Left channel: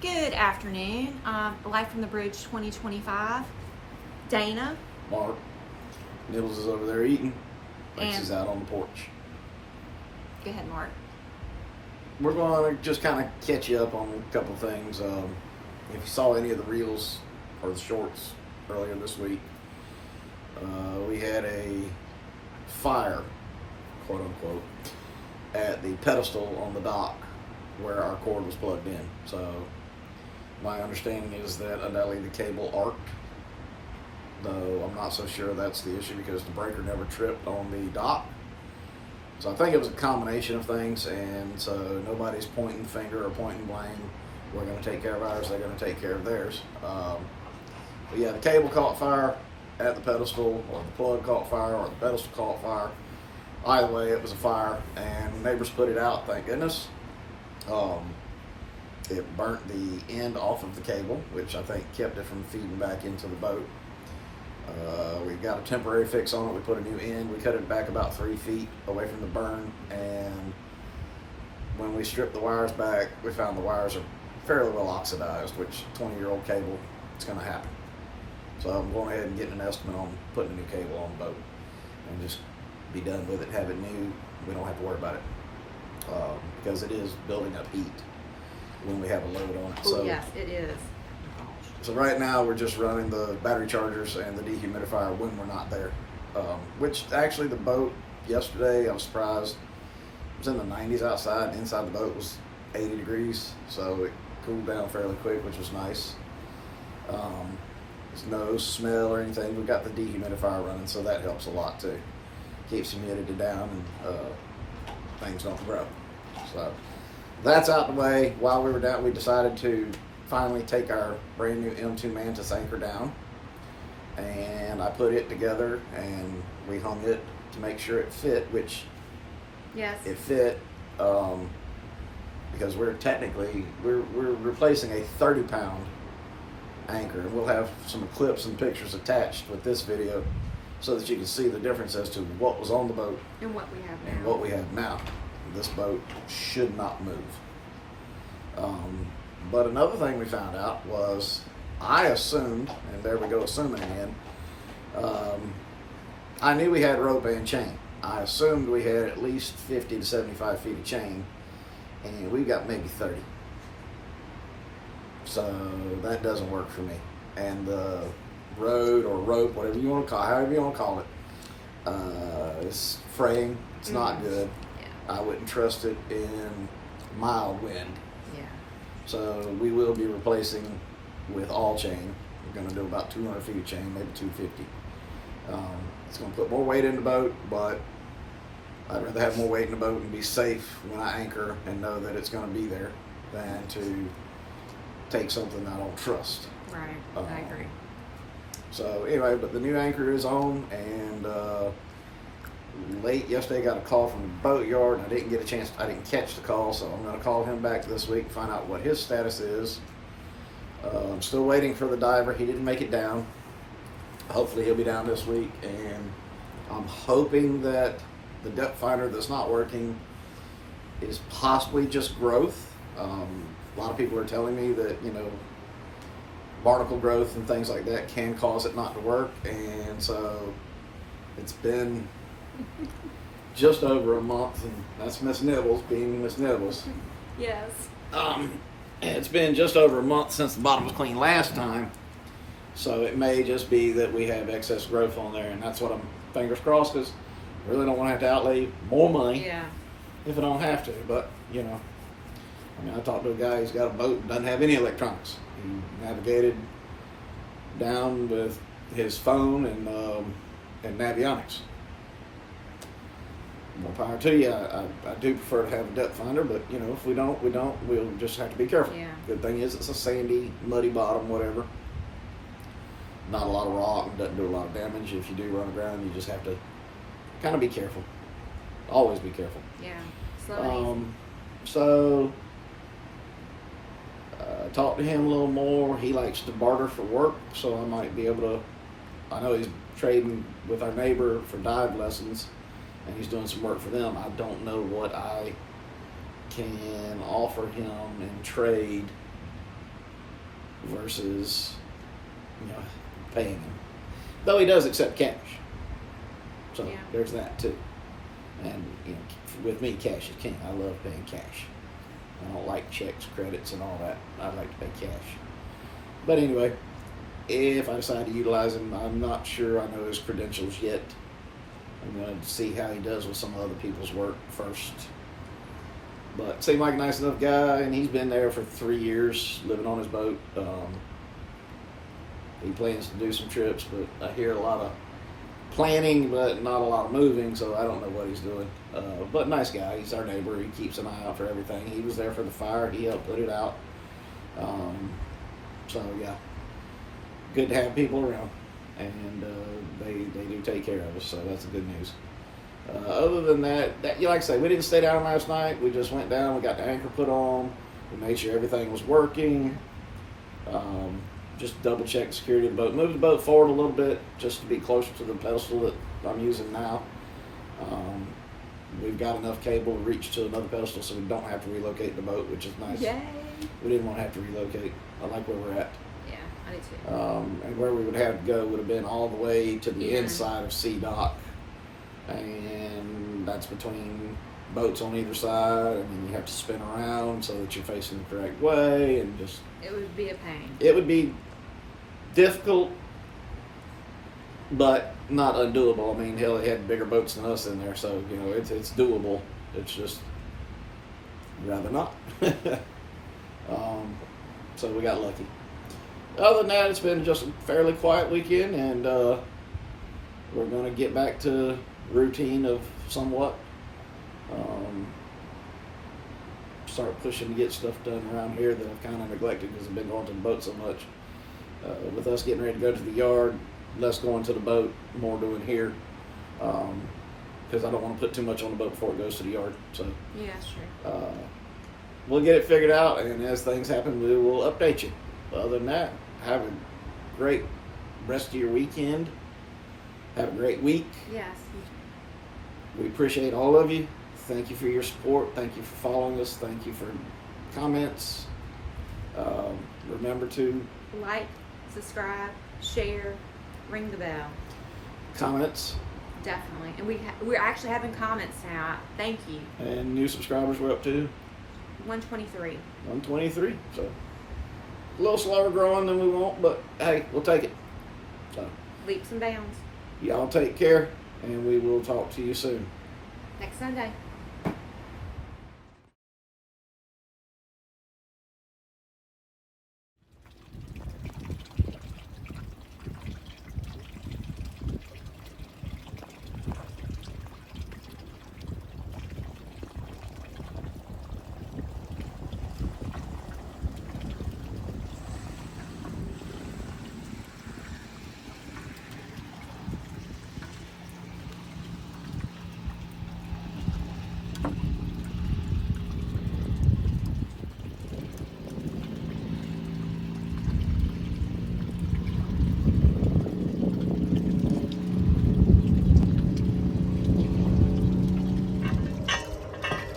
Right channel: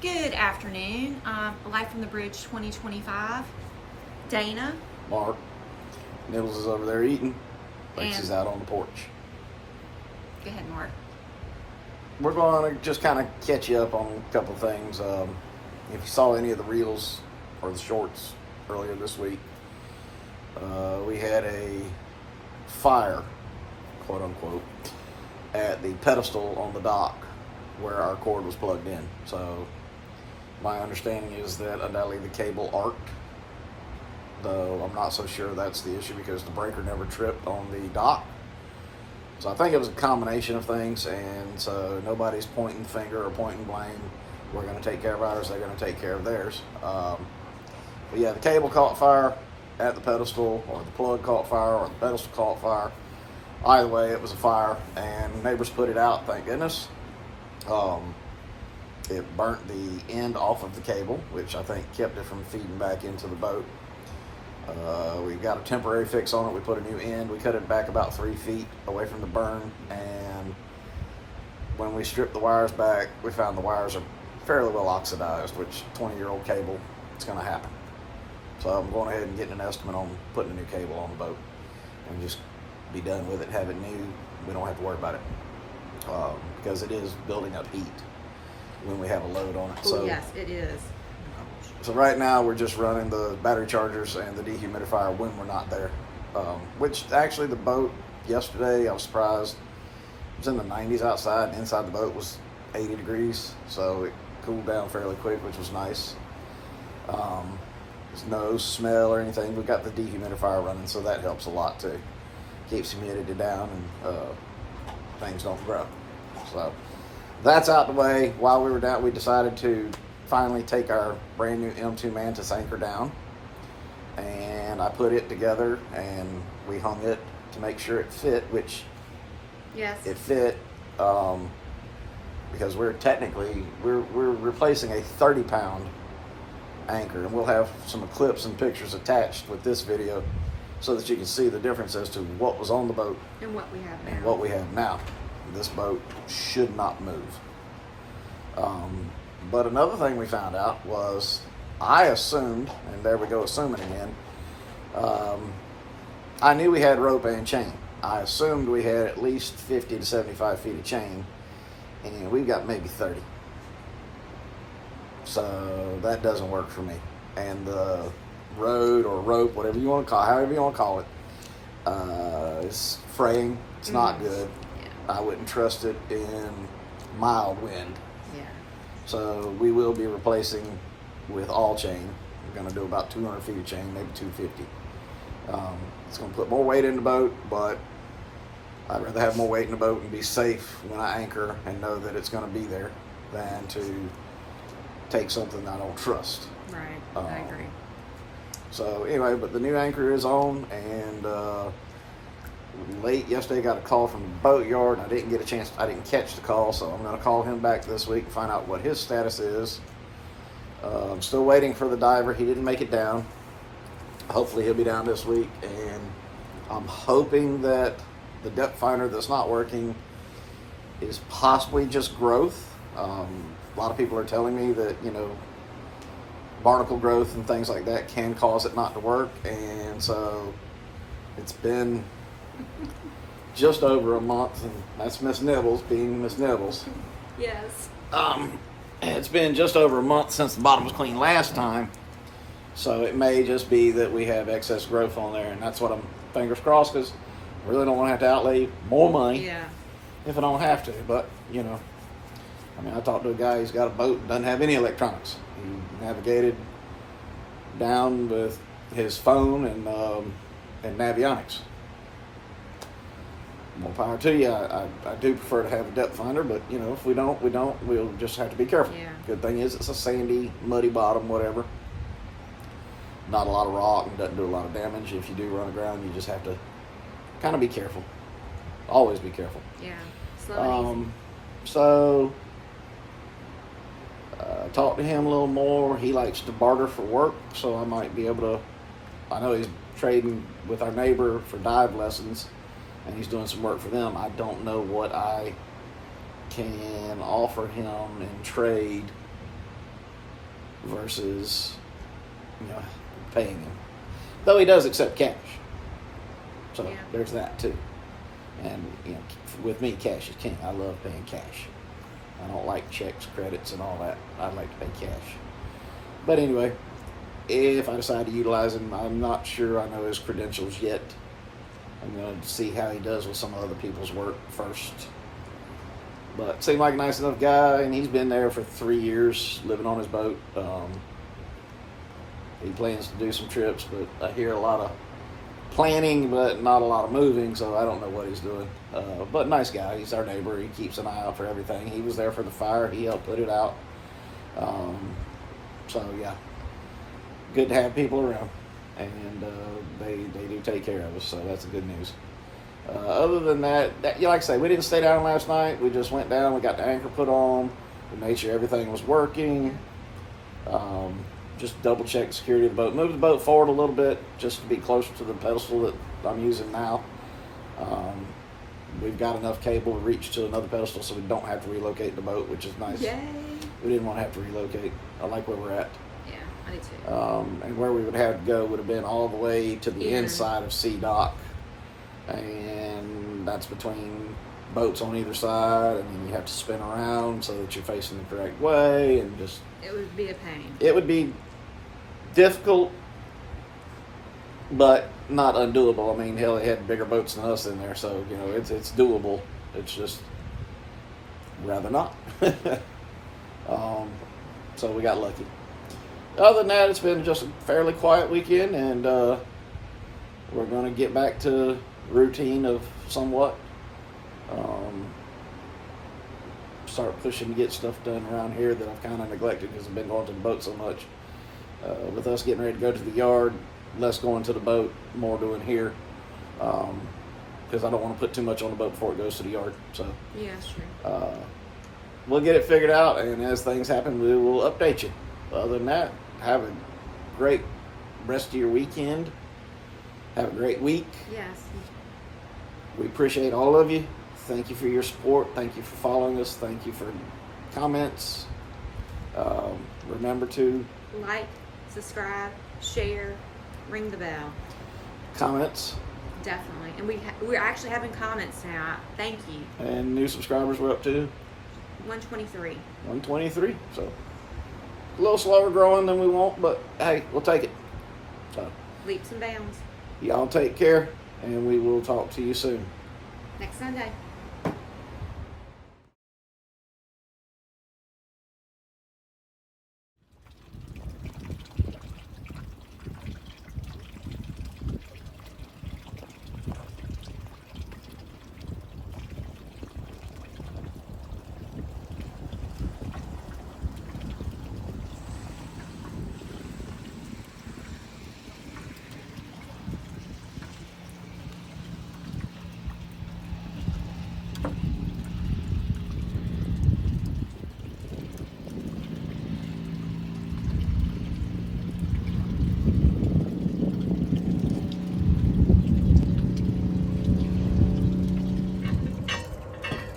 Good afternoon. Live from the Bridge 2025. Dana. Mark. Nibbles is over there eating. Lex And- is out on the porch. Go ahead, Mark. We're going to just kind of catch you up on a couple things. If you saw any of the reels or the shorts earlier this week, we had a fire, quote unquote, at the pedestal on the dock where our cord was plugged in. So my understanding is that undoubtedly the cable arced, though I'm not so sure that's the issue because the breaker never tripped on the dock. So I think it was a combination of things, and so nobody's pointing finger or pointing blame. We're going to take care of ours, they're going to take care of theirs. But yeah, the cable caught fire at the pedestal, or the plug caught fire, or the pedestal caught fire. Either way, it was a fire, and neighbors put it out, thank goodness. It burnt the end off of the cable, which I think kept it from feeding back into the boat. We got a temporary fix on it. We put a new end. We cut it back about 3 feet away from the burn, and when we stripped the wires back, we found the wires are fairly well oxidized, which 20-year-old cable, it's going to happen. So I'm going ahead and getting an estimate on putting a new cable on the boat and just be done with it, have it new. We don't have to worry about it because it is building up heat when we have a load on it. Oh, yes, it is. Oh, gosh. So right now we're just running the battery chargers and the dehumidifier when we're not there. Which actually the boat yesterday, I was surprised, it was in the 90s outside, and inside the boat was 80 degrees. So it cooled down fairly quick, which was nice. There's no smell or anything. We've got the dehumidifier running, so that helps a lot too. Keeps humidity down and things don't grow. So that's out the way. While we were down, we decided to finally take our brand new M2 Mantis anchor down, and I put it together and we hung it to make sure it fit, which Yes. it fit because we're replacing a 30-pound anchor, and we'll have some clips and pictures attached with this video so that you can see the difference as to what was on the boat And what we have now. and what we have now. This boat should not move. But another thing we found out was, I assumed, and there we go assuming again, I knew we had rope and chain. I assumed we had at least 50 to 75 feet of chain, and we've got maybe 30. So that doesn't work for me. And the rode or rope, whatever you want to call it, however you want to call it, it's fraying. It's not good. Yeah. I wouldn't trust it in mild wind. Yeah. So we will be replacing with all chain. We're going to do about 200 feet of chain, maybe 250. It's going to put more weight in the boat, but I'd rather have more weight in the boat and be safe when I anchor and know that it's going to be there than to take something I don't trust. Right. I agree. So anyway, but the new anchor is on, and late yesterday I got a call from the boat yard, and I didn't catch the call, so I'm going to call him back this week and find out what his status is. I'm still waiting for the diver. He didn't make it down. Hopefully he'll be down this week, and I'm hoping that the depth finder that's not working is possibly just growth. A lot of people are telling me that, barnacle growth and things like that can cause it not to work, and so it's been just over a month, and that's Miss Nibbles being Miss Nibbles. Yes. It's been just over a month since the bottom was cleaned last time, so it may just be that we have excess growth on there, and that's what I'm fingers crossed, because I really don't want to have to outlay more money Yeah. if I don't have to. But I talked to a guy who's got a boat and doesn't have any electronics. He navigated down with his phone and Navionics. More power to you. I do prefer to have a depth finder, but if we don't, we'll just have to be careful. Yeah. Good thing is it's a sandy, muddy bottom, whatever. Not a lot of rock and doesn't do a lot of damage. If you do run aground, you just have to kind of be careful. Always be careful. Yeah. Slow and easy. So talk to him a little more. He likes to barter for work, so I might be able to. I know he's trading with our neighbor for dive lessons, and he's doing some work for them. I don't know what I can offer him in trade versus paying him. Though he does accept cash, so Yeah. there's that too. And with me, cash is king. I love paying cash. I don't like checks, credits, and all that. I like to pay cash. But anyway, if I decide to utilize him, I'm not sure I know his credentials yet. I'm going to see how he does with some other people's work first. But seemed like a nice enough guy, and he's been there for 3 years, living on his boat. He plans to do some trips, but I hear a lot of planning, but not a lot of moving, so I don't know what he's doing. But nice guy. He's our neighbor. He keeps an eye out for everything. He was there for the fire. He helped put it out. So, yeah, good to have people around. And they do take care of us, so that's the good news. Other than that, like I say, we didn't stay down last night. We just went down. We got the anchor put on. We made sure everything was working. Just double check the security of the boat. Moved the boat forward a little bit just to be closer to the pedestal that I'm using now. We've got enough cable to reach to another pedestal so we don't have to relocate the boat, which is nice. Yay! We didn't want to have to relocate. I like where we're at. Yeah, I do too. And where we would have to go would have been all the way to the In. inside of Sea Dock. And that's between boats on either side, and then you have to spin around so that you're facing the correct way, and just... It would be a pain. It would be difficult, but not undoable. I mean, hell, it had bigger boats than us in there, so, it's doable. It's just rather not. So we got lucky. Other than that, it's been just a fairly quiet weekend, and we're going to get back to routine of somewhat. Start pushing to get stuff done around here that I've kind of neglected because I've been going to the boat so much. With us getting ready to go to the yard, less going to the boat, more doing here. Because I don't want to put too much on the boat before it goes to the yard. So Yeah, that's true. we'll get it figured out, and as things happen, we will update you. Other than that, have a great rest of your weekend. Have a great week. Yes. We appreciate all of you. Thank you for your support. Thank you for following us. Thank you for comments. Remember to Like, subscribe, share, ring the bell. comments, Definitely. And we're actually having comments now. Thank you. and new subscribers we're up to 123. 123. So a little slower growing than we want, but hey, we'll take it. So Leaps and bounds. y'all take care, and we will talk to you soon. Next Sunday.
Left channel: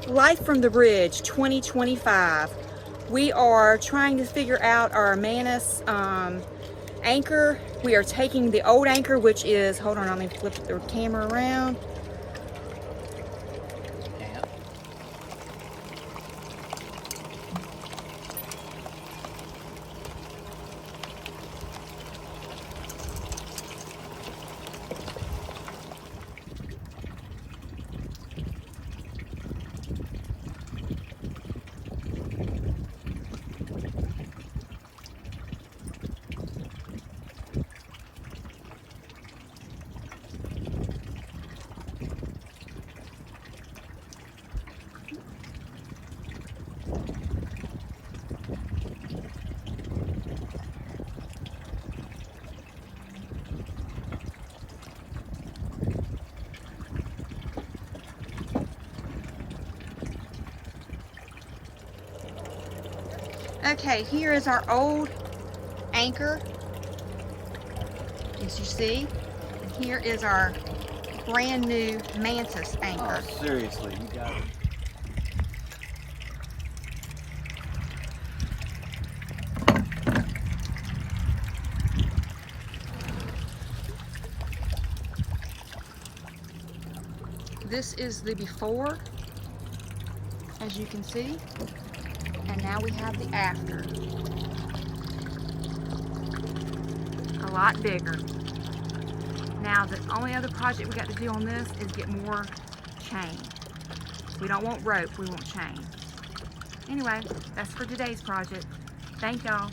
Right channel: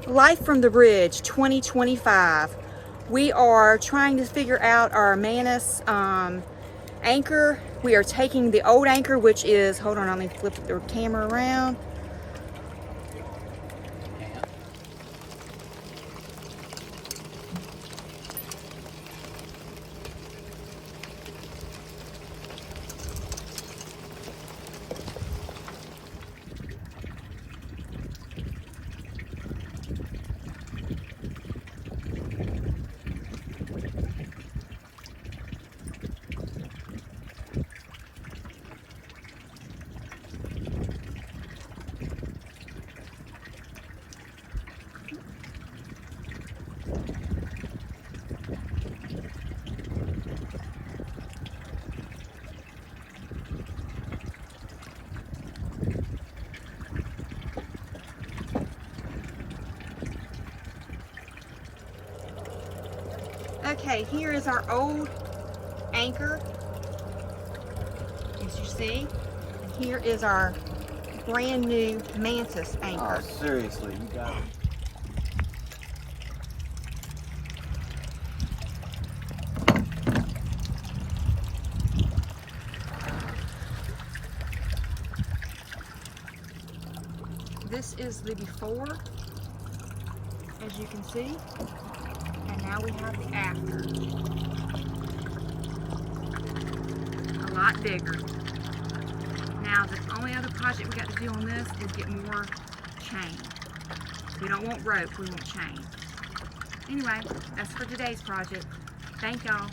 Life from the Bridge 2025. We are trying to figure out our Manus anchor. We are taking the old anchor, which is, hold on, let me flip the camera around. Okay, here is our old anchor, as you see. And here is our brand new Mantis anchor. Oh, seriously, you got it. this is the before, as you can see, and now we have the after. A lot bigger. Now the only other project we got to do on this is get more chain. We don't want rope, we want chain. Anyway, that's for today's project. Thank y'all.